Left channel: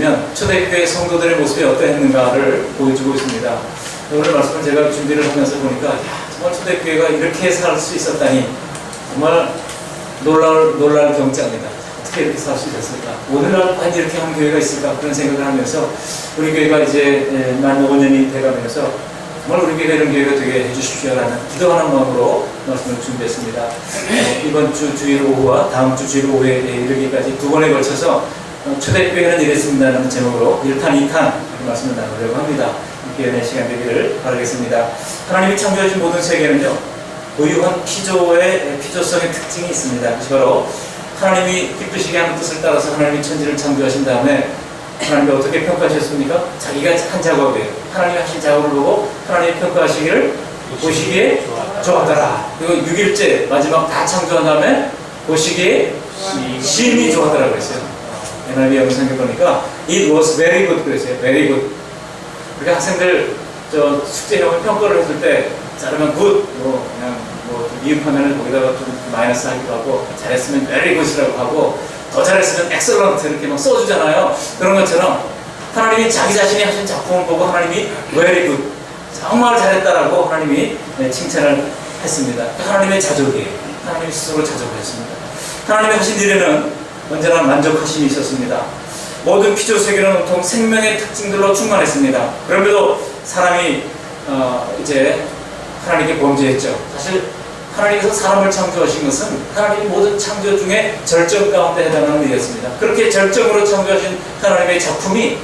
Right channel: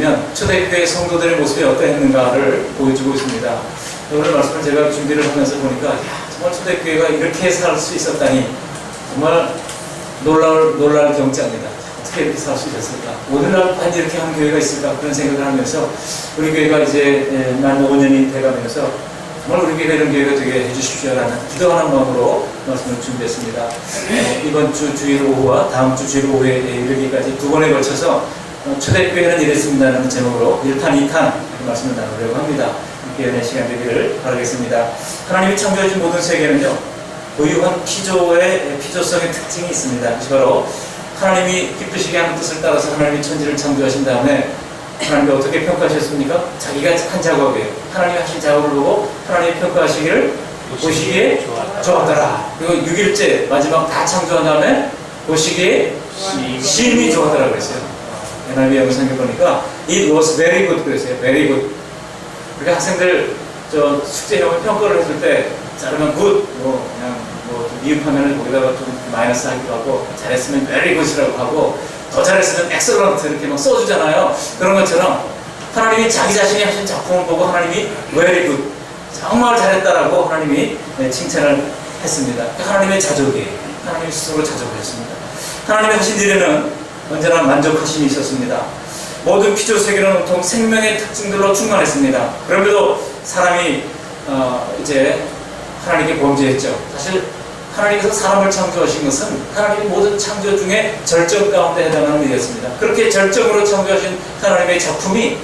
보시면 초대교회 성도들의 모습이 어떠했는가를 보여주고 있습니다. 오늘 말씀을 제가 준비를 하면서 보니까 야, 정말 초대교회가 이렇게 살 수 있었다니 정말 놀랄 경지입니다. 어떻게 이렇게 살 수 있었을까? 오늘날 과연 이렇게 한 교회가 있을까? 그런 생각을 하면서 우리 교회가 이제 만 5년이 돼가면서 정말 우리 교회가 이런 교회가 되게 해주십시오라는 기도하는 마음으로 말씀을 준비했습니다. 이번 주 주일 오후와 다음 주 주일 오후에 이르기까지 두 번에 걸쳐서 초대교회는 이랬습니다라는 제목으로 1탄, 2탄 말씀을 나누려고 합니다. 함께 연애 시간 되기를 바라겠습니다. 하나님이 창조하신 모든 세계는요, 고유한 피조성의 특징이 있습니다. 그것이 바로 하나님이 기쁘시게 하는 뜻을 따라서 하나님이 천지를 창조하신 다음에 하나님이 어떻게 평가하셨습니까? 자기가 한 작업이에요. 하나님이 하신 작업을 보고 하나님이 평가하시기를 보시기에 좋아하더라. 그리고 6일째 마지막 다 창조한 다음에 보시기에 심히 좋아하더라 그랬어요. NIV 영상에 보니까 It was very good 그랬어요. very good. 그러니까 학생들 숙제형을 평가를 했을 때 자르면 good, 그냥 미흡하면 거기다가 좀 마이너스 하기도 하고, 잘했으면 very good이라고 하고, 더 잘했으면 excellent 이렇게 막 써주잖아요. 그런 것처럼 하나님이 자기 자신이 하신 작품을 보고 하나님이 very good, 정말 잘했다라고 하나님이 칭찬을 했습니다. 하나님의 자족이에요. 하나님이 스스로 자족하셨습니다. 하나님이 하신 일에는 언제나 만족하심이 있었습니다. 모든 피조 세계는 온통 생명의 특징들로 충만했습니다. 그럼에도 사람이 이제 하나님께 범죄했죠. 사실 하나님께서 사람을 창조하신 것은 하나님의 모든 창조 중에 절정 가운데 해당하는 일이었습니다. 그렇게 절정으로 창조하신 하나님의 작품이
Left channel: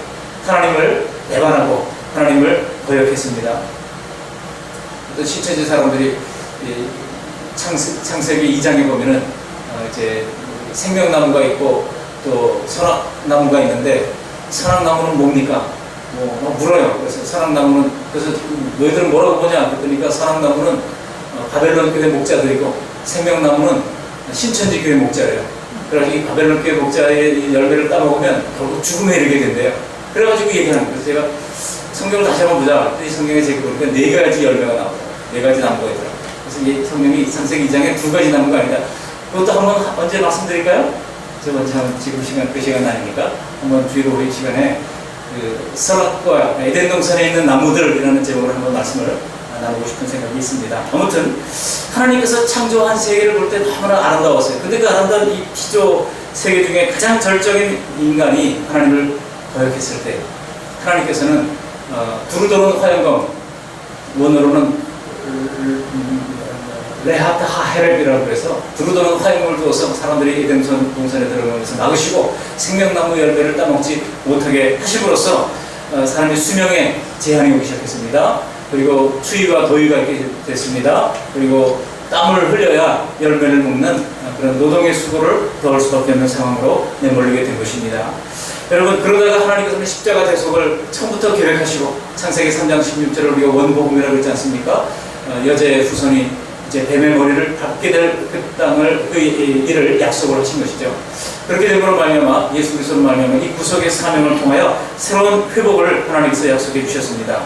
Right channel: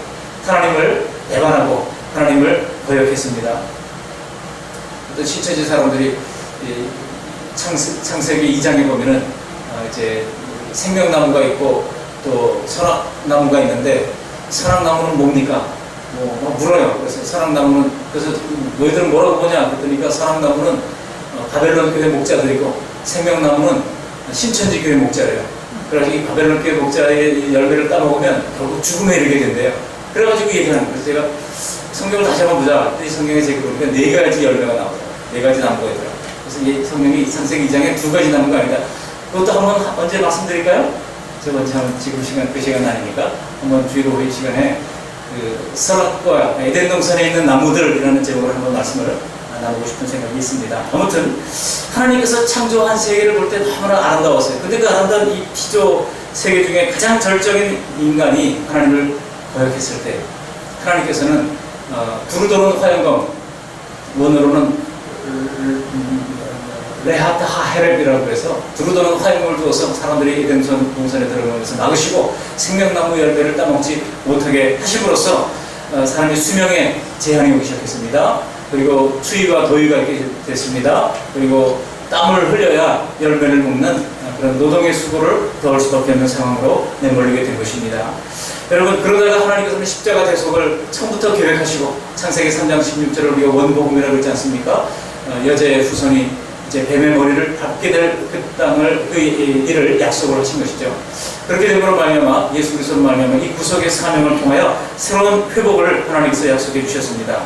하나님을 배반하고 하나님을 거역했습니다. 어떤 신천지 사람들이 창세기 2장에 보면은 이제 생명나무가 있고 또 선악나무가 있는데, 선악나무는 뭡니까? 물어요. 그래서 선악나무는, 그래서 너희들은 뭐라고 보냐? 그랬더니까 선악나무는 바벨론 교회 목자들이고 생명나무는 신천지 교회 목자래요. 그래가지고 이 바벨론 교회 목자의 열매를 따먹으면 결국 죽음에 이르게 된대요. 그래가지고 얘기하는 거예요. 그래서 제가 성경을 다시 한번 보자. 이 성경에 제가 보니까 4가지 열매가 나오더라고요. 4가지 나무가 있더라고요. 그래서 이 성경이 창세기 2장에 2가지 나무가 아니다. 그것도 한번 언제 말씀드릴까요? 지금 시간, 그 시간 아니니까 한번 주일 오후 시간에 설악과 에덴 동산에 있는 나무들이라는 제목으로 한번 말씀을 나누고 싶은 생각이 있습니다. 아무튼 하나님께서 창조한 세계를 볼 때 너무나 아름다웠어요. 근데 그 아름다운 이 피조 세계 중에 가장 절정인 인간이 하나님을 거역했을 때 하나님께서는 두루도는 화영검, 원어로는 레하트 하헤렙이라고 해서 두루도는 화염을 두어서 사람들이 에덴 동산에 들어가면서 막으시고 생명나무 열매를 따먹지 못하게 하심으로써 사람의 수명에 제한이 오기 시작했습니다. 그리고 추위와 더위가 있게 됐습니다. 그리고 땀을 흘려야 열매를 먹는 그런 노동의 수고를 더할 수밖에 없는 상황으로 내몰리게 된 것입니다. 여러분, 그러다가 하나님께서는 십자가 대속을 처음부터 계획하시고 창세기 3장 16절을 우리가 원복음이라고 했지 않습니까? 여자의 후손이 이제 뱀의 머리를 밟게 될 그 땅을 그 일을 약속을 하신 것이죠. 그렇게 됨으로 말미암아 예수 그리스도로 말미암아 이 구속의 사명을 통하여 새로운 회복을 하나님께서 약속해 주셨습니다.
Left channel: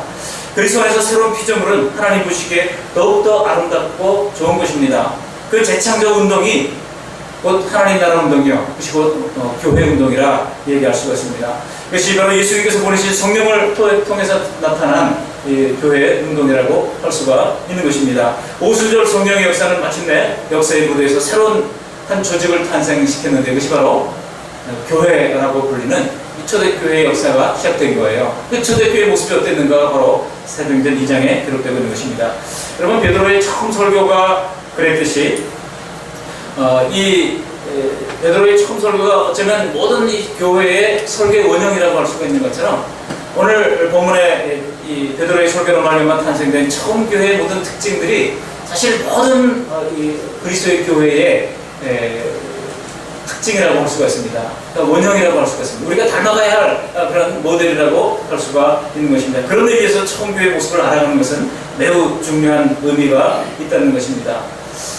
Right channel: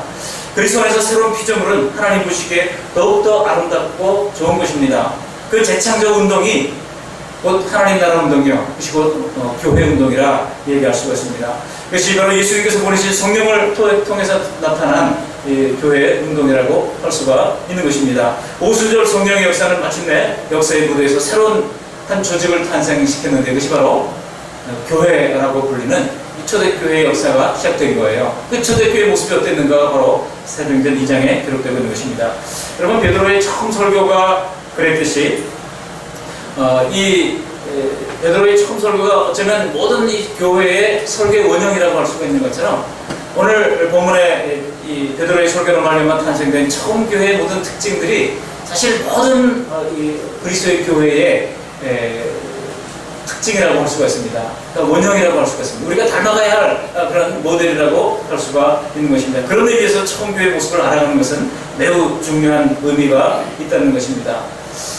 그리스도 안에서 새로운 피조물은 하나님 보시기에 더욱더 아름답고 좋은 것입니다. 그 재창조 운동이 곧 하나님 나라 운동이요, 그것이 곧 교회 운동이라 얘기할 수가 있습니다. 그것이 바로 예수님께서 보내신 성령을 통해서 나타난 교회의 운동이라고 할 수가 있는 것입니다. 오순절 성령의 역사는 마침내 역사의 무대에서 새로운 한 조직을 탄생시켰는데, 그것이 바로 교회라고 불리는 이 초대교회의 역사가 시작된 거예요. 그 초대교회의 모습이 어땠는가가 바로 사도행전 2장에 기록되고 있는 것입니다. 여러분, 베드로의 처음 설교가 그랬듯이 이 베드로의 처음 설교가 어쩌면 모든 이 교회의 설교의 원형이라고 할 수가 있는 것처럼, 오늘 본문에 이 베드로의 설교로 말미암아 탄생된 처음 교회의 모든 특징들이 사실 모든 이 그리스도의 교회의 특징이라고 할 수가 있습니다. 그러니까 원형이라고 할 수가 있습니다. 우리가 닮아가야 할 그런 모델이라고 할 수가 있는 것입니다. 그런 의미에서 처음 교회의 모습을 알아가는 것은 매우 중요한 의미가 있다는 것입니다.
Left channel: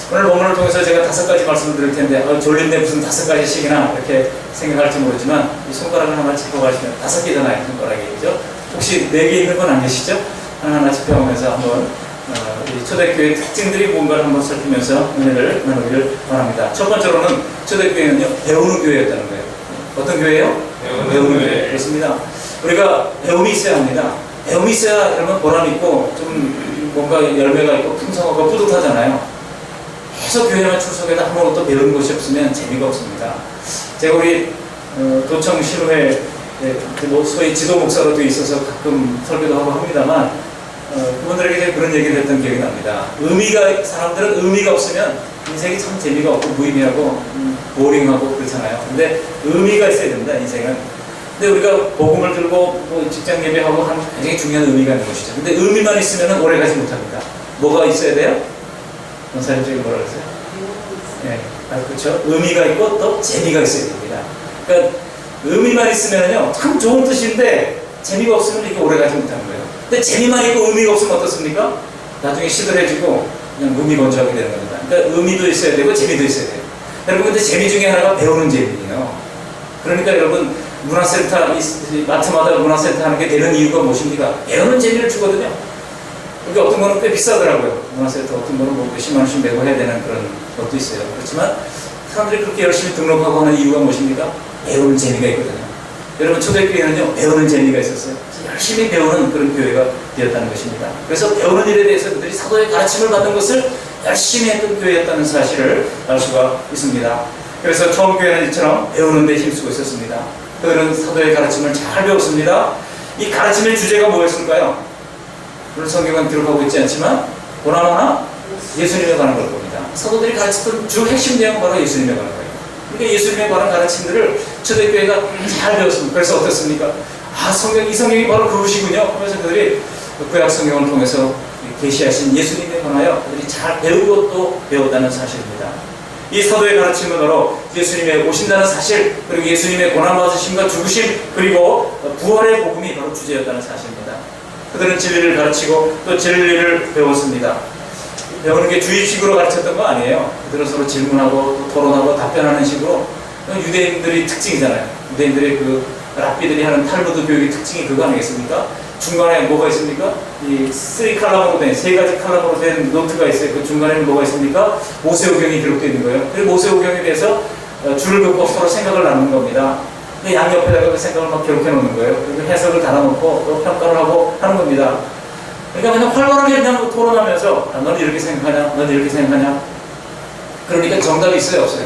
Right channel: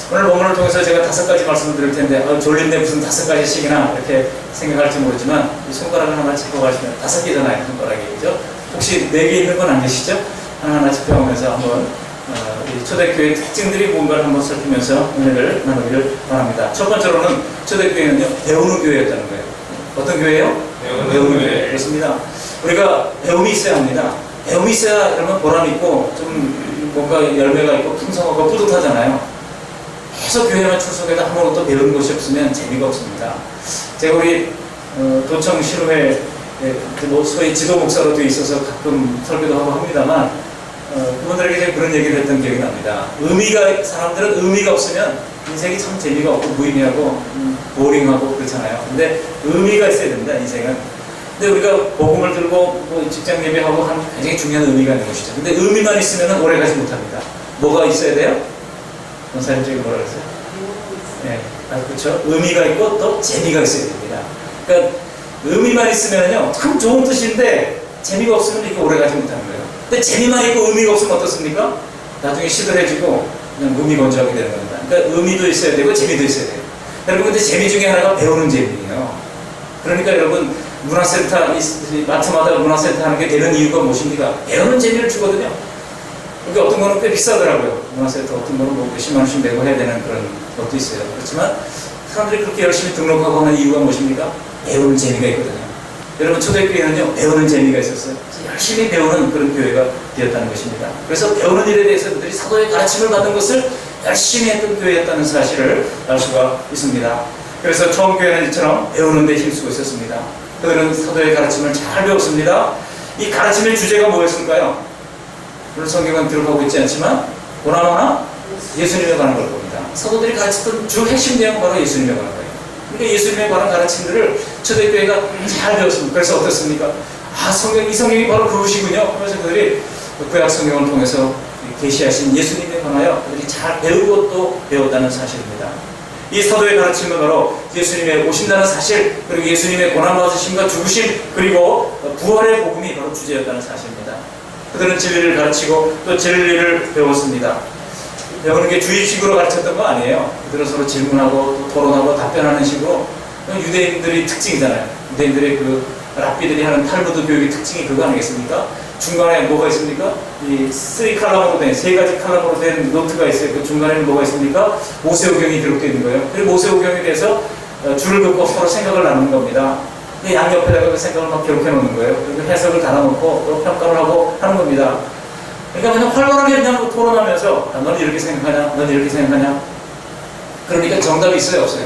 오늘 본문을 통해서 제가 5가지 말씀을 드릴 텐데, 졸린데 무슨 5가지씩이나 이렇게 생각할지 모르지만, 이 손가락을 하나 짚어가시면 5개잖아요, 손가락이. 그죠? 혹시 4개 있는 건 아니시죠? 하나하나 짚어보면서 한번 이 초대교회의 특징들이 뭔가를 한번 살피면서 은혜를 나누기를 바랍니다. 첫 번째로는 초대교회는요, 배우는 교회였다는 거예요. 어떤 교회예요? 배우는 교회. 그렇습니다. 우리가 배움이 있어야 합니다. 배움이 있어야 그러면 보람 있고 좀 뭔가 열매가 있고 풍성하고 뿌듯하잖아요. 계속 교회만 출석해도 아무것도 배우는 것이 없으면 재미가 없습니다. 제가 우리 도청 신우회 뭐 소위 지도 목사로 되어 있어서 가끔 설교도 하고 합니다만 그분들에게 그런 얘기를 했던 기억이 납니다. 사람들은 의미가 없으면 인생이 참 재미가 없고 무의미하고 보링하고 그렇잖아요. 근데 의미가 있어야 됩니다, 인생은. 근데 우리가 복음을 들고 뭐 직장 예배하고 하는 굉장히 중요한 의미가 있는 것이죠. 근데 의미만 있으면 오래 가지 못합니다. 뭐가 있어야 돼요? 원사님 쪽에 뭐라 그랬어요? 네, 그렇죠. 의미가 있고 또 재미가 있어야 됩니다. 그러니까 의미만 있으면요 참 좋은 뜻인데 재미가 없으면 이렇게 오래 가지 못하는 거예요. 근데 재미만 있고 의미가 없으면 어떻습니까? 나중에 시들해지고 그냥 무미건조하게 되는 겁니다. 그러니까 의미도 있어야 되고 재미도 있어야 돼요. 여러분 근데 재미 중에 하나가 배우는 재미예요. 그러니까 여러분 문화센터 마트마다 문화센터 하는 게 되는 이유가 무엇입니까? 배우는 재미를 주거든요. 그러니까 어떤 거는 꽤 비싸더라고요. 문화센터 어떤 거는 뭐 몇십만 원씩 내고 해야 되는 그런 것도 있어요. 그렇지만 사람들이 그렇게 열심히 등록하고 하는 이유가 무엇입니까? 배우는 재미가 있거든요. 여러분 초대교회는요 배우는 재미가 있었어요. 열심히 배우는 그런 교회가 되었다는 것입니다. 그래서 배우는 일에 대해서 그들이 사도의 가르침을 받는 것을 열심히 했던 교회였다는 사실을 알 수가 있습니다. 그래서 처음 교회는 이처럼 배우는 데 힘쓰고 있었습니다. 그들은 사도의 가르침을 잘 배웠습니다. 이 가르침의 주제가 뭐였을까요? 물론 성경은 기록하고 있지 않지만 보나마나 예수님에 관한 걸 겁니다. 사도들이 가르쳤던 주 핵심 내용은 바로 예수님에 관한 거예요. 그러니까 예수님에 관한 가르침들을 초대교회가 잘 배웠습니다. 그래서 어떻습니까? 이 성경이 바로 그것이군요. 그래서 그들이 구약 성경을 통해서 계시하신 예수님에 관하여 그들이 잘 배우고 또 배웠다는 사실입니다. 이 사도의 가르침은 바로 예수님의 오신다는 사실, 그리고 예수님의 고난받으심과 죽으심, 그리고 부활의 복음이 바로 주제였다는 사실입니다. 그들은 진리를 가르치고 또 진리를 배웠습니다. 배우는 게 주입식으로 가르쳤던 거 아니에요. 그들은 서로 질문하고 또 토론하고 답변하는 식으로. 유대인들의 특징이잖아요. 유대인들의 그 랍비들이 하는 탈무드 교육의 특징이 그거 아니겠습니까? 중간에 뭐가 있습니까? 이 3칼럼으로 된, 3가지 칼럼으로 된 노트가 있어요. 그 중간에는 뭐가 있습니까? 모세오경이 기록되어 있는 거예요. 그리고 모세오경에 대해서 줄을 긋고 서로 생각을 나누는 겁니다. 양옆에다가 그 생각을 막 기록해 놓는 거예요. 그리고 해석을 달아놓고 또 평가를 하고 하는 겁니다. 그러니까 그냥 활발하게 그냥 토론하면서 너는 이렇게 생각하냐? 너는 이렇게 생각하냐? 그러니까 정답이 있어요? 없어요?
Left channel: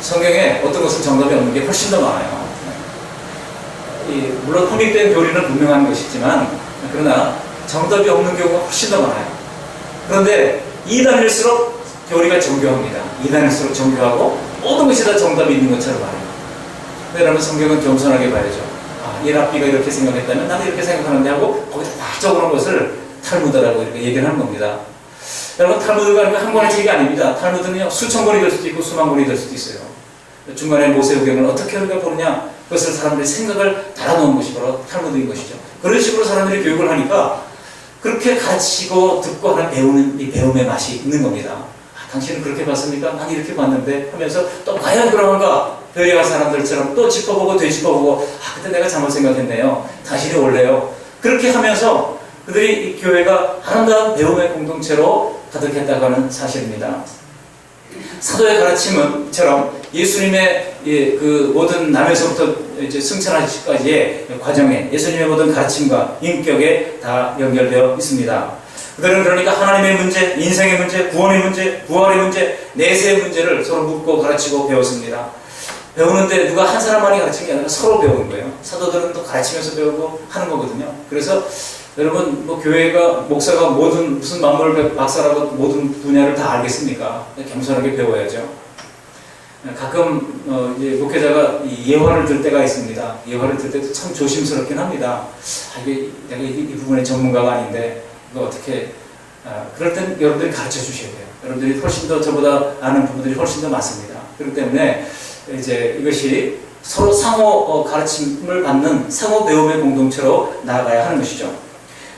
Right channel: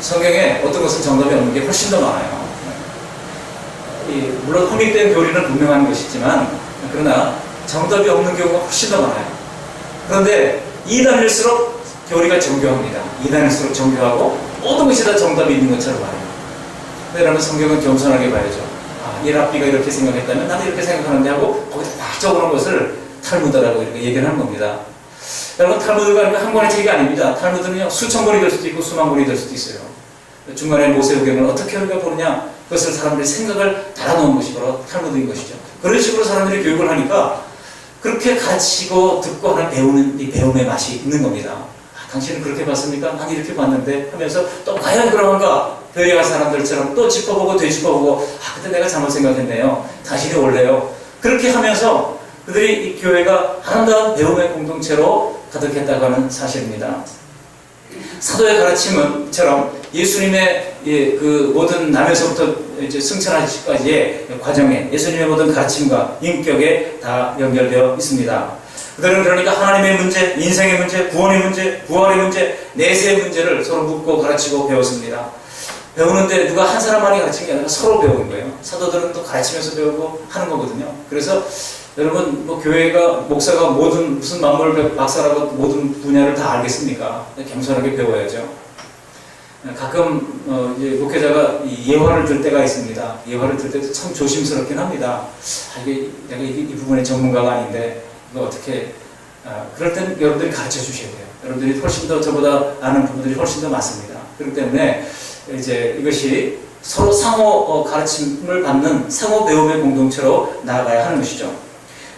성경에 어떤 것은 정답이 없는 게 훨씬 더 많아요. 물론 허믹된 교리는 분명한 것이지만 그러나 정답이 없는 경우가 훨씬 더 많아요. 그런데 2단일수록 교리가 정교합니다. 2단일수록 정교하고 모든 것이 다 정답이 있는 것처럼 말해요. 그러면 성경은 겸손하게 봐야죠. 이 랍비가 이렇게 생각했다면 나도 이렇게 생각하는데 하고 거기다 다 적어놓은 것을 탈무드라고 이렇게 얘기를 하는 겁니다. 여러분 탈무드가 한 권의 책이 아닙니다. 탈무드는요 수천 권이 될 수도 있고 수만 권이 될 수도 있어요. 중간에 모세오경을 어떻게 우리가 보느냐, 그것을 사람들이 생각을 달아놓은 것이 바로 탈무드인 것이죠. 그런 식으로 사람들이 교육을 하니까 그렇게 가르치고 듣고 하는 배우는 이 배움의 맛이 있는 겁니다. 당신은 그렇게 봤습니까? 난 이렇게 봤는데 하면서 또 과연 그런가? 교회와 사람들처럼 또 짚어보고 되짚어보고 그때 내가 잘못 생각했네요. 당신이 옳네요. 그렇게 하면서 그들이 이 교회가 아름다운 배움의 공동체로 가득했다고 하는 사실입니다. 사도의 가르침은처럼 예수님의 그 모든 남에서부터 이제 승천하시기까지의 과정에 예수님의 모든 가르침과 인격에 다 연결되어 있습니다. 그들은 그러니까 하나님의 문제, 인생의 문제, 구원의 문제, 부활의 문제, 내세의 문제를 서로 묻고 가르치고 배웠습니다. 배우는데 누가 한 사람만이 가르치는 게 아니라 서로 배우는 거예요. 사도들은 또 가르치면서 배우고 하는 거거든요. 그래서 여러분 교회가 목사가 무슨 만물 박사라고 모든 분야를 다 알겠습니까? 겸손하게 배워야죠. 가끔 이제 목회자가 예화를 들 때가 있습니다. 예화를 들 때도 참 조심스럽긴 합니다. 내가 이 부분의 전문가가 아닌데 이거 어떻게 그럴 땐 여러분들이 가르쳐 주셔야 돼요. 여러분들이 훨씬 더 저보다 아는 부분들이 훨씬 더 많습니다. 그렇기 때문에 이제 이것이 서로 상호 가르침을 받는 상호 배움의 공동체로 나아가야 하는 것이죠.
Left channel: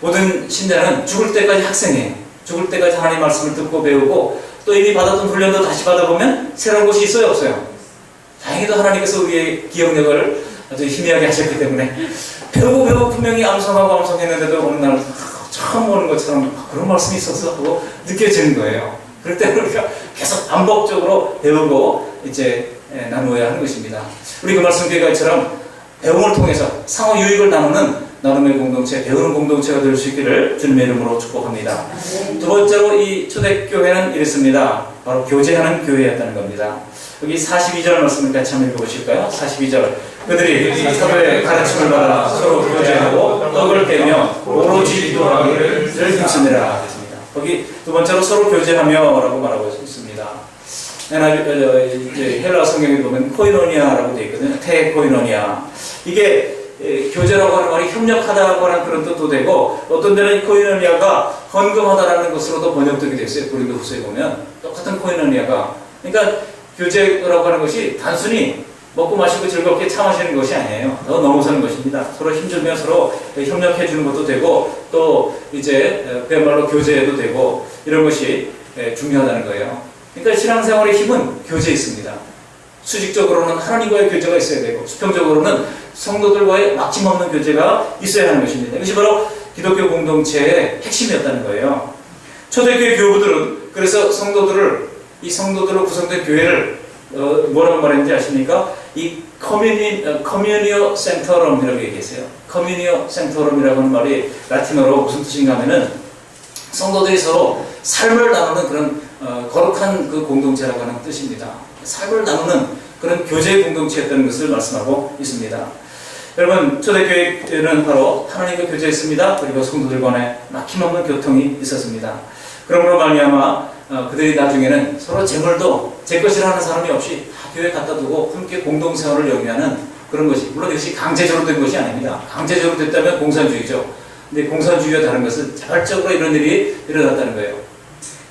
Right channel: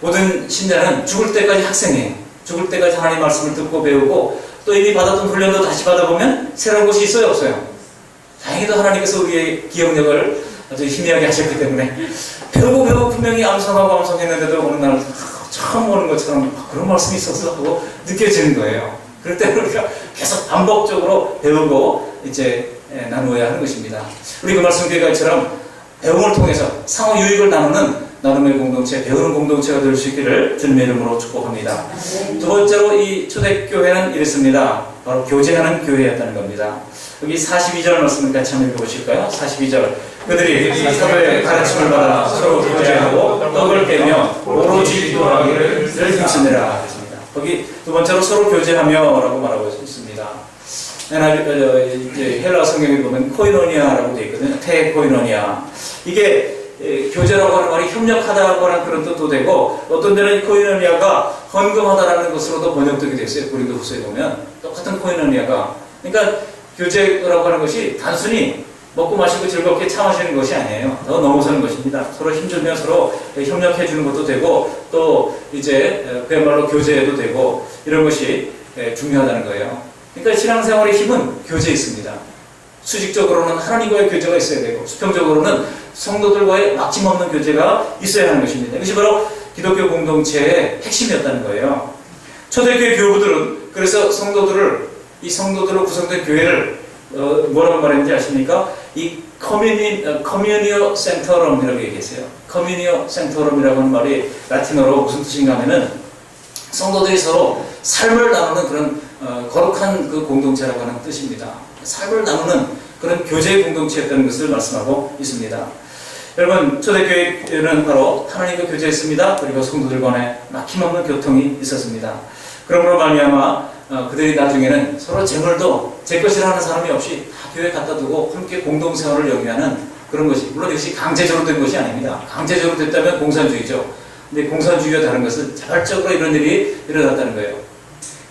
모든 신자는 죽을 때까지 학생이에요. 죽을 때까지 하나님의 말씀을 듣고 배우고 또 이미 받았던 훈련도 다시 받아보면 새로운 것이 있어요, 없어요? 다행히도 하나님께서 우리의 기억력을 아주 희미하게 하셨기 때문에 배우고 분명히 암송했는데도 어느 날 처음 보는 것처럼 그런 말씀이 있었어 하고 느껴지는 거예요. 그럴 때 우리가 계속 반복적으로 배우고 이제 나누어야 하는 것입니다. 우리 그 말씀 교회가처럼 배움을 통해서 상호 유익을 나누는 나눔의 공동체, 배우는 공동체가 될 수 있기를 주님의 이름으로 축복합니다. 두 번째로 이 초대교회는 이랬습니다. 바로 교제하는 교회였다는 겁니다. 여기 42절 말씀을 같이 한번 읽어보실까요? 42절. 그들이 사도의 가르침을 받아 서로 교제하고 떡을 떼며 오로지 기도하기를 힘쓰느라 했습니다. 거기 두 번째로 서로 교제하며 라고 말하고 있습니다. 헬라 성경에 보면 코이노니아라고 되어 있거든요. 테코이노니아. 이게 교제라고 하는 말이 협력하다고 하는 그런 뜻도 되고, 어떤 데는 코이노니아가 헌금하다라는 것으로도 번역되게 됐어요. 고린도후서에 보면 똑같은 코이노니아가. 그러니까 교제라고 하는 것이 단순히 먹고 마시고 즐겁게 차 마시는 것이 아니에요. 더 넘어서는 것입니다. 서로 힘주며 서로 협력해 주는 것도 되고, 또 이제 그야말로 교제해도 되고, 이런 것이 중요하다는 거예요. 그러니까 신앙생활의 힘은 교제에 있습니다. 수직적으로는 하나님과의 교제가 있어야 되고, 수평적으로는 성도들과의 막힘없는 교제가 있어야 하는 것입니다. 이것이 바로 기독교 공동체의 핵심이었다는 거예요. 초대교회 교부들은 그래서 이 성도들로 구성된 교회를 뭐라고 말했는지 아십니까? 이 커뮤니오 센터럼이라고 얘기했어요. 커뮤니오 센터럼이라고 하는 말이 라틴어로 무슨 뜻인가 하면은 성도들이 서로 삶을 나누는 그런 거룩한 그 공동체라고 하는 뜻입니다. 삶을 나누는 그런 교제의 공동체였다는 것을 말씀하고 있습니다. 여러분, 초대교회는 바로 하나님과 교제했습니다. 그리고 성도들 간에 막힘없는 교통이 있었습니다. 그러므로 말미암아 그들이 나중에는 서로 재물도 제 것이라 하는 사람이 없이 다 교회에 갖다 두고 함께 공동생활을 영위하는 그런 것이, 물론 이것이 강제적으로 된 것이 아닙니다. 강제적으로 됐다면 공산주의죠. 근데 공산주의와 다른 것은 자발적으로 이런 일이 일어났다는 거예요.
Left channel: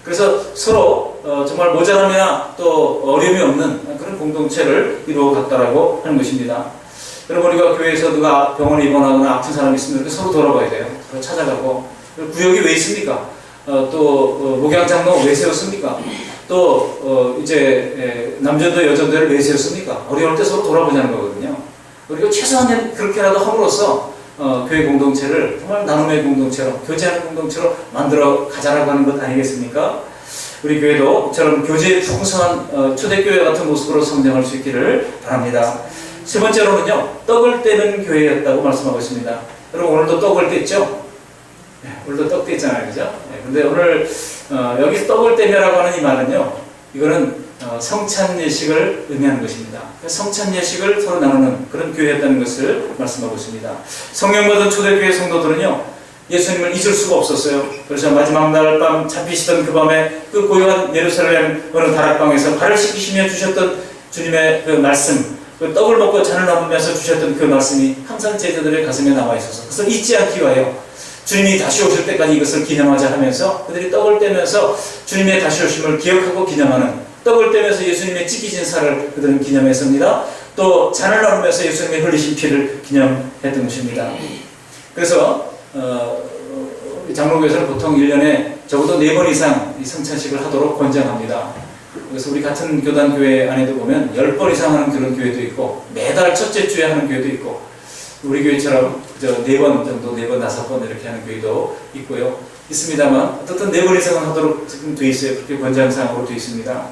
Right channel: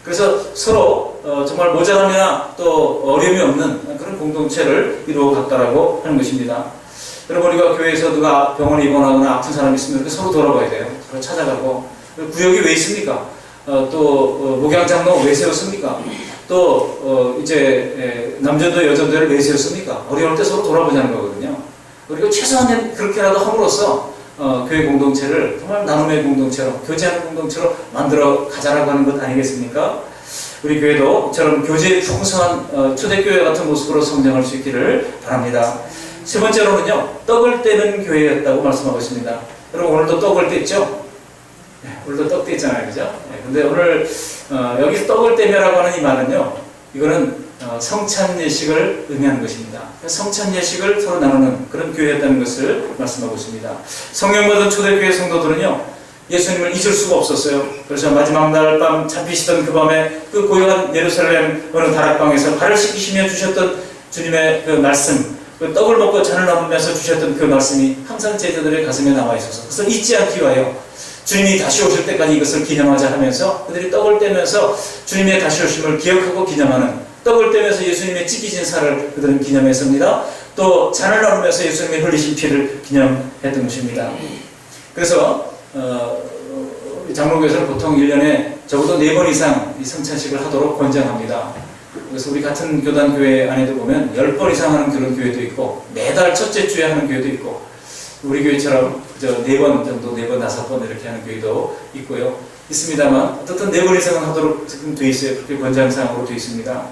그래서 서로 정말 모자람이나 또 어려움이 없는 그런 공동체를 이루어 갔다라고 하는 것입니다. 여러분, 우리가 교회에서 누가 병원에 입원하거나 아픈 사람이 있으면 서로 돌아봐야 돼요. 서로 찾아가고. 구역이 왜 있습니까? 또 목양장로 왜 세웠습니까? 또 이제 남전도 여전도를 왜 세웠습니까? 어려울 때 서로 돌아보자는 거거든요. 그리고 최소한 그렇게라도 함으로써 교회 공동체를 정말 나눔의 공동체로, 교제하는 공동체로 만들어 가자라고 하는 것 아니겠습니까? 우리 교회도 이처럼 교제에 풍성한 초대교회 같은 모습으로 성장할 수 있기를 바랍니다. 세 번째로는요, 떡을 떼는 교회였다고 말씀하고 있습니다. 여러분, 오늘도 떡을 뗐죠? 네, 오늘도 떡 뗐잖아요, 그죠? 네, 근데 오늘 여기서 떡을 떼며라고 하는 이 말은요, 이거는 성찬 예식을 의미하는 것입니다. 성찬 예식을 서로 나누는 그런 교회였다는 것을 말씀하고 있습니다. 성령 받은 초대교회 성도들은요, 예수님을 잊을 수가 없었어요. 그래서 마지막 날 밤 잡히시던 그 밤에 그 고요한 예루살렘 어느 다락방에서 발을 씻기시며 주셨던 주님의 그 말씀, 그 떡을 먹고 잔을 나누면서 주셨던 그 말씀이 항상 제자들의 가슴에 남아 있어서 그것을 잊지 않기 위하여 주님이 다시 오실 때까지 이것을 기념하자 하면서 그들이 떡을 떼면서 주님의 다시 오심을 기억하고 기념하는, 떡을 떼면서 예수님의 찢기진 살을 그들은 기념했습니다. 또 잔을 나누면서 예수님의 흘리신 피를 기념했던 것입니다. 그래서 장로교에서는 보통 1년에 적어도 4번 이상 이 성찬식을 하도록 권장합니다. 그래서 우리 같은 교단 교회 안에도 보면 10번 이상 하는 그런 교회도 있고, 매달 첫째 주에 하는 교회도 있고, 우리 교회처럼 그저 4번 정도, 4번, 5번 이렇게 하는 교회도 있고요. 있습니다만, 어떻든 4번 이상은 하도록 지금 되어 있어요. 그렇게 권장사항으로 되어 있습니다.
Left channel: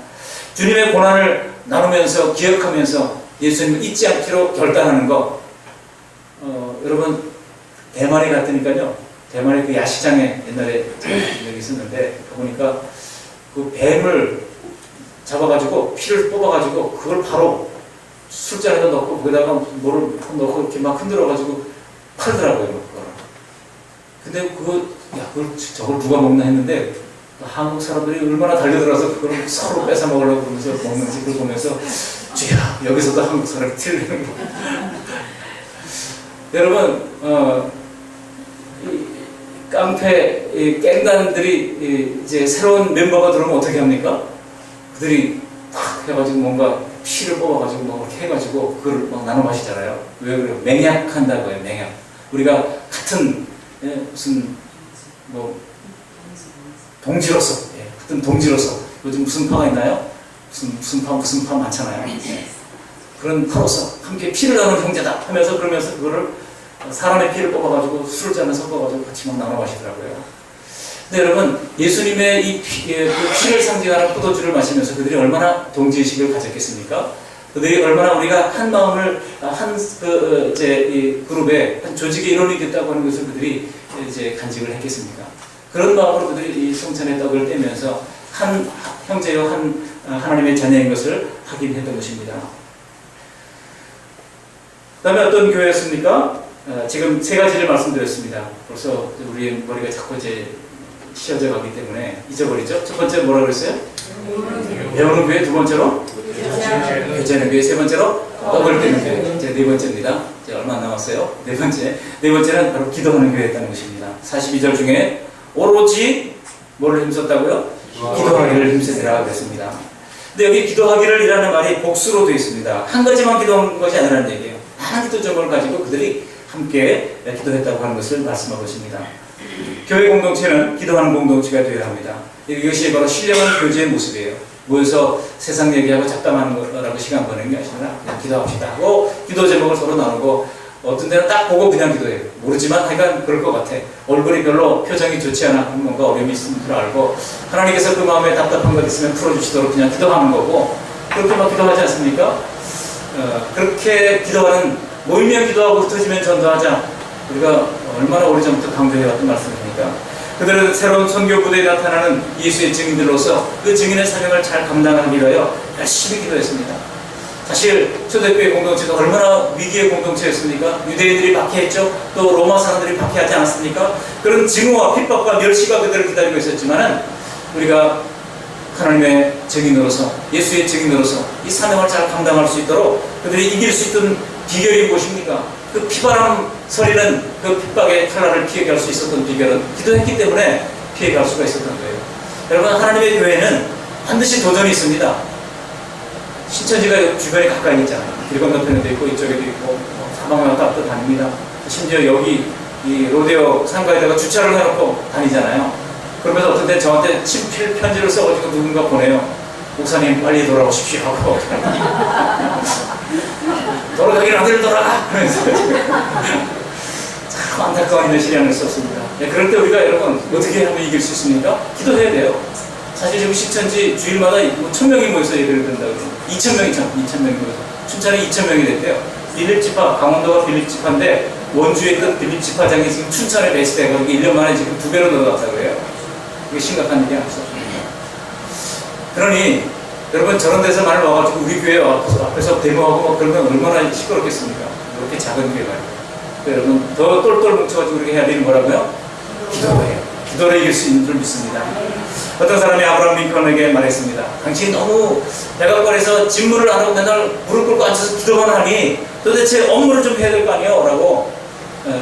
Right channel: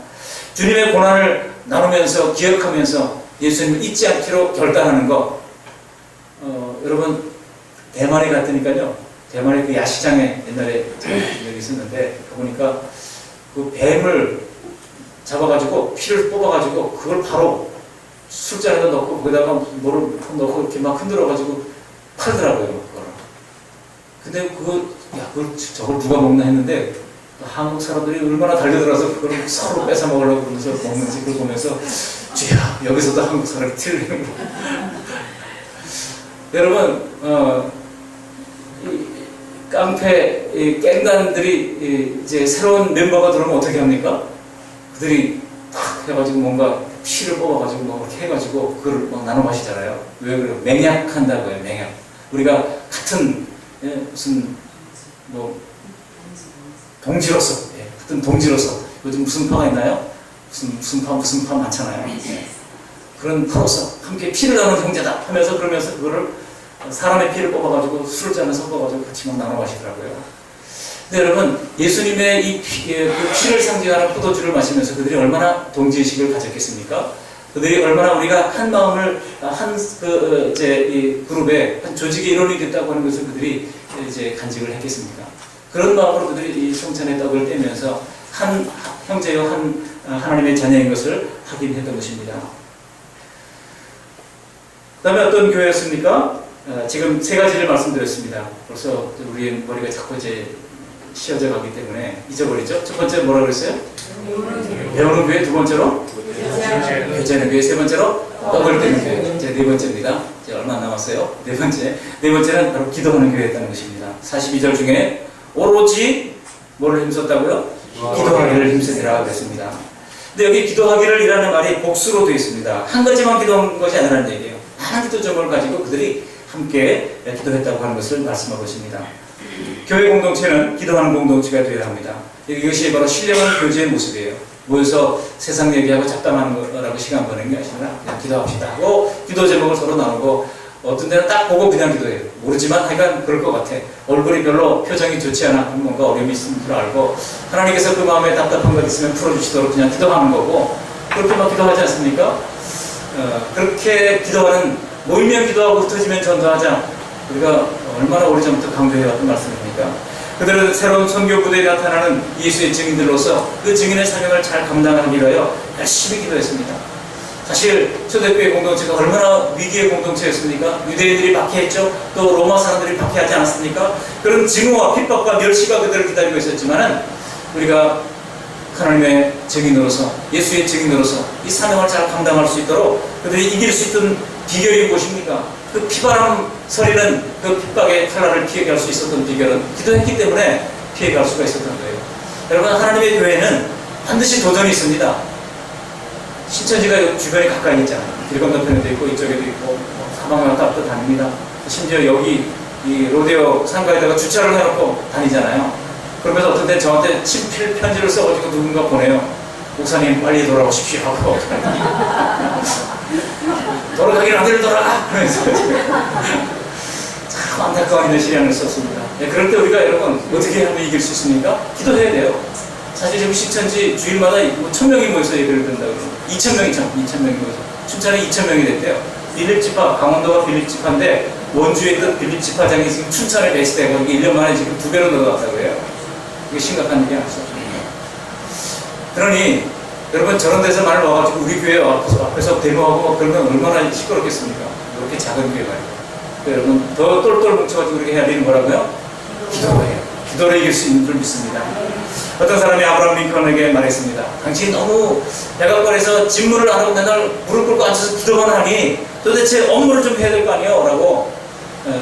주님의 고난을 나누면서, 기억하면서 예수님을 잊지 않기로 결단하는 것. 여러분, 대만에 갔더니까요, 대만의 그 야시장에 옛날에 여기 있었는데, 가보니까 그 뱀을 잡아가지고 피를 뽑아가지고 그걸 바로 술잔에다 넣고 거기다가 뭐를 넣고 이렇게 막 흔들어가지고 팔더라고요, 그거를. 근데 저걸 누가 먹나 했는데 한국 사람들이 얼마나 달려들어서 그걸 서로 뺏어 먹으려고 그러면서 먹는지 그걸 보면서 주야, 여기서도 한국 사람이 틀리는 거. 여러분, 깡패 깽단들이 이제 새로운 멤버가 들어오면 어떻게 합니까? 그들이 탁 해가지고 뭔가 피를 뽑아가지고 막 이렇게 해가지고 그걸 막 나눠 마시잖아요. 왜 그래요? 맹약한다고요, 맹약. 우리가 같은 무슨 뭐 동지로서, 같은 동지로서 요즘 무슨 파가 있나요? 무슨 파 많잖아요. 그런 파로서 함께 피를 나누는 형제다 하면서 그러면서 그거를 사람의 피를 뽑아가지고 술잔을 섞어가지고 같이 막 나눠 마시더라고요. 근데 여러분, 예수님의 이 피를 상징하는 포도주를 마시면서 그들이 얼마나 동지의식을 가졌겠습니까? 그들이 얼마나 우리가 한 마음을 이 그룹의 한 조직의 일원이 됐다고 하는 것을 그들이 이제 간직을 했겠습니까? 그런 마음으로 그들이 이 성찬의 떡을 떼면서 한 형제요 하나님의 자녀인 것을 확인했던 것입니다. 그다음에 어떤 교회였습니까? 지금 세 가지를 말씀드렸습니다. 벌써 우리의 머리가 자꾸 이제 씌어져 가기 때문에 잊어버리죠. 첫 번째 뭐라고 그랬어요? 배우는 교회. 두 번째로 교제하는 교회. 세 번째로 떡을 떼는 교회. 이제 네 번째입니다. 이제 얼마 안 남았어요. 네 번째는 바로 기도하는 교회였다는 것입니다. 42절 중에 오로지 뭐를 힘썼다고요? 기도하기를 힘쓰리라 그랬습니다. 근데 여기 기도하기를 이라는 말이 복수로 되어 있습니다. 한 가지만 기도한 것이 아니라는 얘기예요. 많은 기도 점을 가지고 그들이 함께 기도했다고 하는 것을 말씀하고 있습니다. 교회 공동체는 기도하는 공동체가 되어야 합니다. 이것이 바로 신령한 교제의 모습이에요. 모여서 세상 얘기하고 잡담하는 거라고 시간 보내는 게 아니라 그냥 기도합시다 하고 기도 제목을 서로 나누고 어떤 데는 딱 보고 그냥 기도해요. 모르지만 하여간 그럴 것 같아. 얼굴이 별로 표정이 좋지 않아. 뭔가 어려움이 있는 줄 알고 하나님께서 그 마음에 답답한 것 있으면 풀어주시도록 그냥 기도하는 거고 그렇게 막 기도하지 않습니까? 그렇게 기도하는 모이면 기도하고 흩어지면 전도하자. 우리가 얼마나 오래전부터 강조해왔던 말씀입니까? 그들은 새로운 선교 부대에 나타나는 예수의 증인들로서 그 증인의 사명을 잘 감당하기 위하여 열심히 기도했습니다. 사실 초대교회 공동체가 얼마나 위기의 공동체였습니까? 유대인들이 박해했죠. 또 로마 사람들이 박해하지 않았습니까? 그런 증오와 핍박과 멸시가 그들을 기다리고 있었지만은 우리가 하나님의 증인으로서 예수의 증인으로서 이 사명을 잘 감당할 수 있도록 그들이 이길 수 있던 비결이 무엇입니까? 그 피바람 서리는 그 핍박의 칼날을 피해갈 수 있었던 비결은 기도했기 때문에 피해갈 수가 있었던 거예요. 여러분, 하나님의 교회는 반드시 도전이 있습니다. 신천지가 주변에 가까이 있잖아요. 길 건너편에도 있고 이쪽에도 있고 사방에 왔다 갔다 다닙니다. 심지어 여기 이 로데오 상가에다가 주차를 해놓고 다니잖아요. 그러면서 어떤 때 저한테 친필 편지를 써가지고 누군가 보내요. 목사님 빨리 돌아오십시오 하고 돌아가기를 아들 돌아가! 그러면서 참 안타까운 이런 시련을 썼습니다. 그럴 때 우리가 여러분 어떻게 하면 이길 수 있습니까? 기도해야 돼요. 사실 지금 신천지 주일마다 1000명이 모여서 예배를 드린다고 그러죠. 2000명이 모여서. 춘천에 2000명이 됐대요. 빌립지파, 강원도가 빌립지파인데 원주에 있던 빌립지파장이 지금 춘천에 배치되고 1년 만에 지금 2배로 늘어났다고 그래요. 이게 심각한 일이 아니죠. 그러니 여러분 저런 데서 말 와가지고 우리 교회 앞에서 데모하고 막 그러면 얼마나 시끄럽겠습니까? 이렇게 작은 교회가 여러분 더 똘똘 뭉쳐가지고 이렇게 해야 되는 거라고요? 기도예요. 기도로 이길 수 있는 줄 믿습니다. 어떤 사람이 아브라함 링컨에게 말했습니다. 당신이 너무 백악관에서 집무를 안 하고 맨날 무릎 꿇고 앉아서 기도만 하니 도대체 업무를 좀 해야 될 거 아니에요? 라고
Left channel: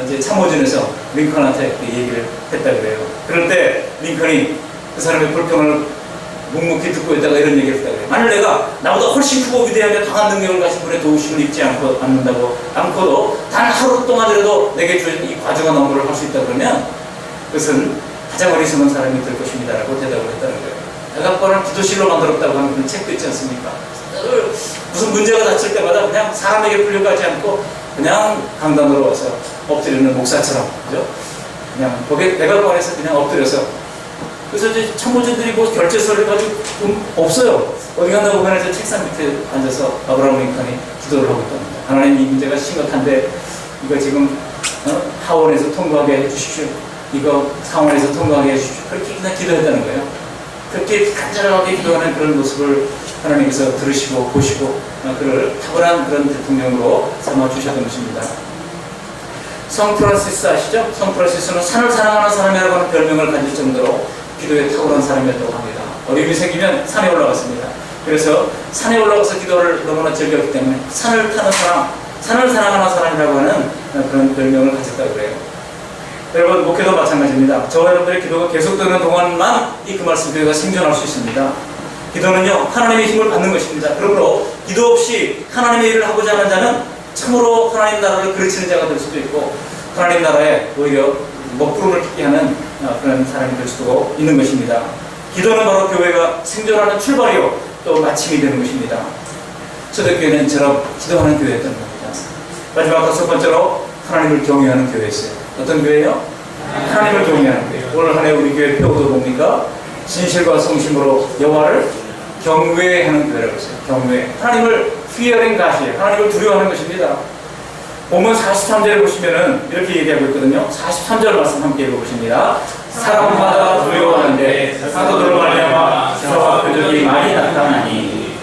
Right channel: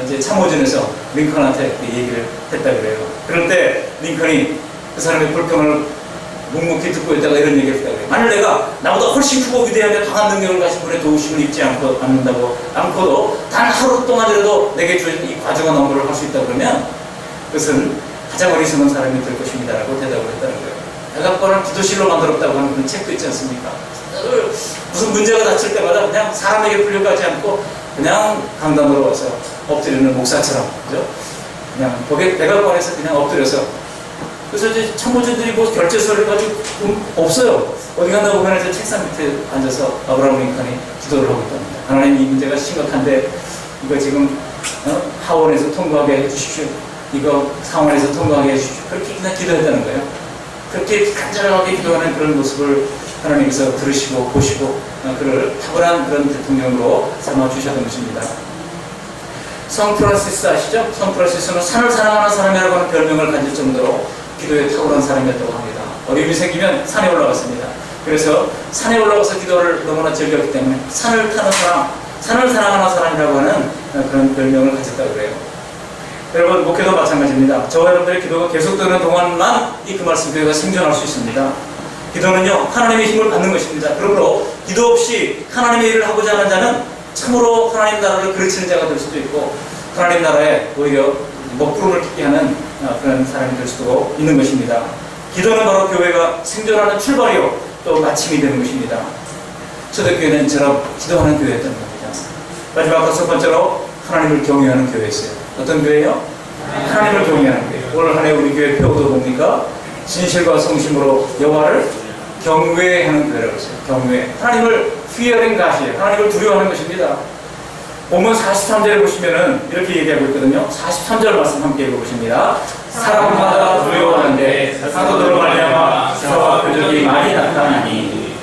이제 참모진에서 링컨한테 얘기를 했다 그래요. 그럴 때 링컨이 그 사람의 불평을 묵묵히 듣고 있다가 이런 얘기를 했다고 해요. 만일 내가 나보다 훨씬 크고 위대하며 강한 능력을 가진 분의 도우심을 입지 않고도 단 하루 동안이라도 내게 주어진 이 과중한 업무를 할 수 있다 그러면 그것은 가장 어리석은 사람이 될 것입니다 라고 대답을 했다는 거예요. 백악관을 기도실로 만들었다고 하는 그런 책도 있지 않습니까? 무슨 문제가 닥칠 때마다 그냥 사람에게 풀려가지 않고 그냥 강단으로 와서 엎드리는 목사처럼, 그죠? 그냥 백악관에서 그냥 엎드려서 그래서 이제 참모진들이 뭐 결제서를 가지고 없어요. 어디 갔나 보면 이제 책상 밑에 앉아서 아브라함 링컨이 기도를 하고 있답니다. 하나님 이 문제가 심각한데 이거 지금 하원에서 통과하게 해주십시오. 이거 상원에서 통과하게 해주십시오. 그렇게 그냥 기도했다는 거예요. 그렇게 간절하게 기도하는 그런 모습을 하나님께서 들으시고 보시고 그를 탁월한 그런 대통령으로 삼아주셨던 것입니다. 성 프란시스 아시죠? 성 프란시스는 산을 사랑하는 사람이라고 하는 별명을 가질 정도로 기도에 탁월한 사람이었다고 합니다. 어려움이 생기면 산에 올라갔습니다. 그래서 산에 올라가서 기도를 너무나 즐겼기 때문에 산을 타는 사람, 산을 사랑하는 사람이라고 하는 그런 별명을 가졌다고 그래요. 여러분, 목회도 마찬가지입니다. 저와 여러분들의 기도가 계속되는 동안만 이 그 말씀 교회가 생존할 수 있습니다. 기도는요, 하나님의 힘을 받는 것입니다. 그러므로 기도 없이 하나님의 일을 하고자 하는 자는 참으로 하나님 나라를 그르치는 자가 될 수도 있고 하나님 나라에 오히려 먹구름을 끼게 하는 그런 사람이 될 수도 있는 것입니다. 기도는 바로 교회가 생존하는 출발이요 또 마침이 되는 것입니다. 초대교회는 저런 기도하는 교회였던 겁니다. 마지막 다섯 번째로 하나님을 경외하는 교회였어요. 어떤 교회요? 하나님을 경외하는 교회. 오늘 한 해 우리 교회 표어도 뭡니까? 진실과 성심으로 여호와를 경외하는 교회라고 했어요. 경외. 하나님을 fearing God이에요. 하나님을 두려워하는 것입니다. 본문 43절에 보시면은 이렇게 얘기하고 있거든요. 43절 말씀 함께 읽어보십니다. 사람마다 두려워하는데 사도들로 말미암아 기사와 표적이 많이 나타나니.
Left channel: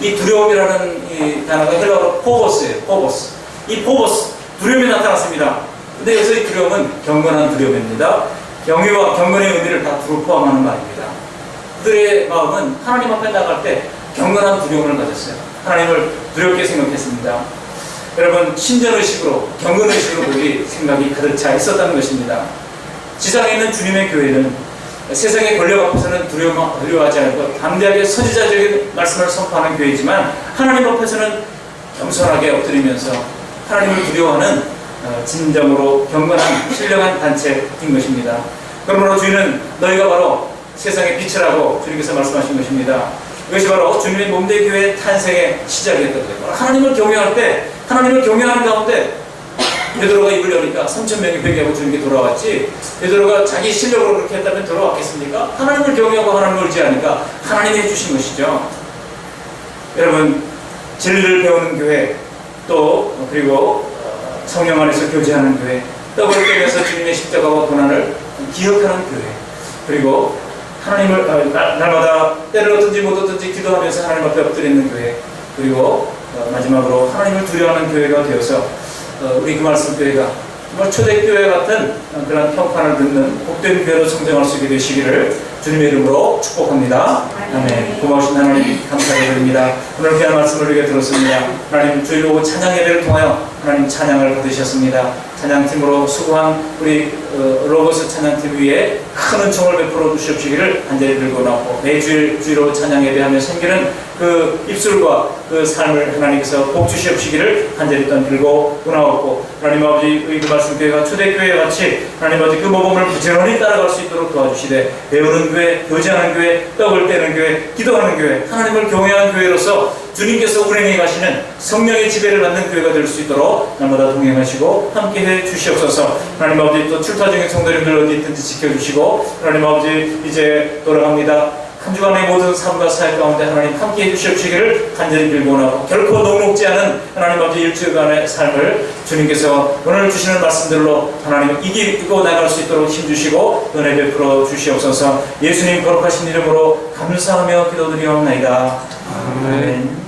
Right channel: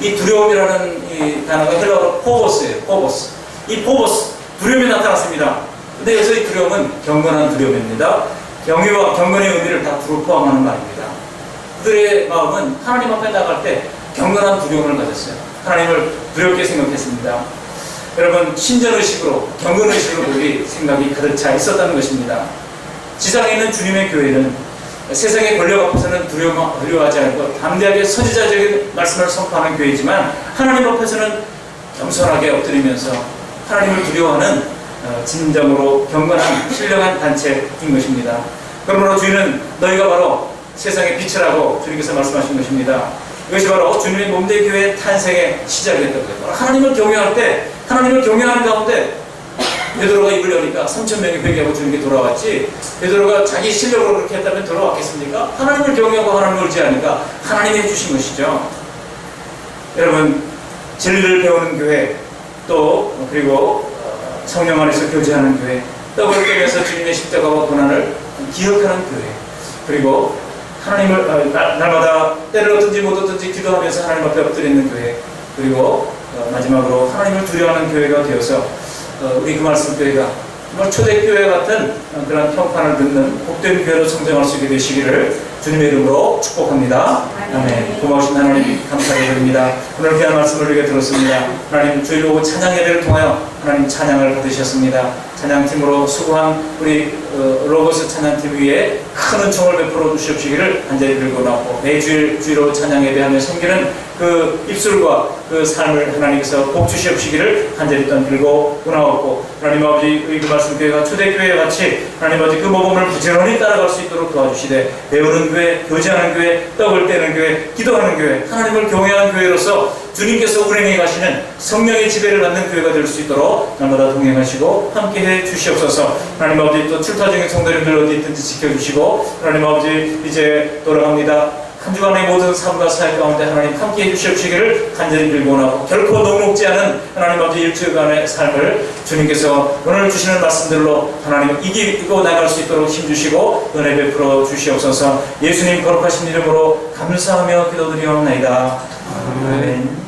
이 두려움이라는 이 단어가 헬라어로 포보스예요. 포보스. 이 포보스, 두려움이 나타났습니다. 근데 여기서 이 두려움은 경건한 두려움입니다. 경외와 경건의 의미를 다 두루 포함하는 말입니다. 그들의 마음은 하나님 앞에 나갈 때 경건한 두려움을 가졌어요. 하나님을 두렵게 생각했습니다. 여러분, 신전의식으로, 경건의식으로 그들이 생각이 가득 차 있었다는 것입니다. 지상에 있는 주님의 교회는 세상의 권력 앞에서는 두려워하지 않고 담대하게 선지자적인 말씀을 선포하는 교회이지만 하나님 앞에서는 겸손하게 엎드리면서 하나님을 두려워하는 진정으로 경건한 신령한 단체인 것입니다. 그러므로 주인은 너희가 바로 세상의 빛이라고 주님께서 말씀하신 것입니다. 이것이 바로 주님의 몸된 교회의 탄생의 시작이었던 거예요. 하나님을 경외할 때, 하나님을 경외하는 가운데 베드로가 입을 여니까 3,000명이 회개하고 주님께 돌아왔지, 베드로가 자기 실력으로 그렇게 했다면 돌아왔겠습니까? 하나님을 경외하고 하나님을 의지하니까 하나님이 해주신 것이죠. 여러분, 진리를 배우는 교회, 또 그리고 성령 안에서 교제하는 교회, 떡을 떼면서 주님의 십자가와 고난을 기억하는 교회, 그리고 하나님을 날마다 때를 얻든지 못 얻든지 기도하면서 하나님 앞에 엎드리는 교회, 그리고 마지막으로 하나님을 두려워하는 교회가 되어서 우리 그 말씀 교회가 정말 초대교회 같은 그런 평판을 듣는 복된 교회로 성장할 수 있게 되시기를 주님의 이름으로 축복합니다. 아멘. 고마우신 하나님 감사드립니다. 오늘 귀한 말씀을 우리가 들었습니다. 하나님 주일 오후 찬양 예배를 통하여 하나님 찬양을 받으셨습니다. 찬양팀으로 수고한 우리 로고스 찬양팀 위에 큰 은총을 베풀어 주시옵시기를 간절히 들고 나오고, 매주일 주일로 찬양 예배하며 섬기는 그 입술과 그 삶을 하나님께서 복 주시옵시기를 간절히 들고 나오고, 하나님 아버지 우리 그 말씀 교회가 초대교회와 같이 하나님 아버지 그 모범을 부지런히 따라갈 수 있도록 도와주시되, 배우는 교회, 교제하는 교회, 떡을 떼는 교회, 기도하는 교회, 하나님을 경외하는 교회로서 주님께서 운행해 가시는 성령의 지배를 받는 교회가 될 수 있도록 날마다 동행하시고 함께해 주시옵소서. 하나님 아버지 또 출타 중인 성도님들 어디 있든지 지켜주시고, 하나님 아버지 이제 돌아갑니다. 한 주간의 모든 삶과 사역 가운데 하나님 함께해 주시옵시기를 간절히 빌고나고, 결코 녹록지 않은 하나님 아버지 일주일간의 삶을 주님께서 오늘 주시는 말씀들로 하나님 이기고 나갈 수 있도록 힘주시고 은혜 베풀어 주시옵소서. 예수님 거룩하신 이름으로 감사하며 기도드리옵나이다. 아멘.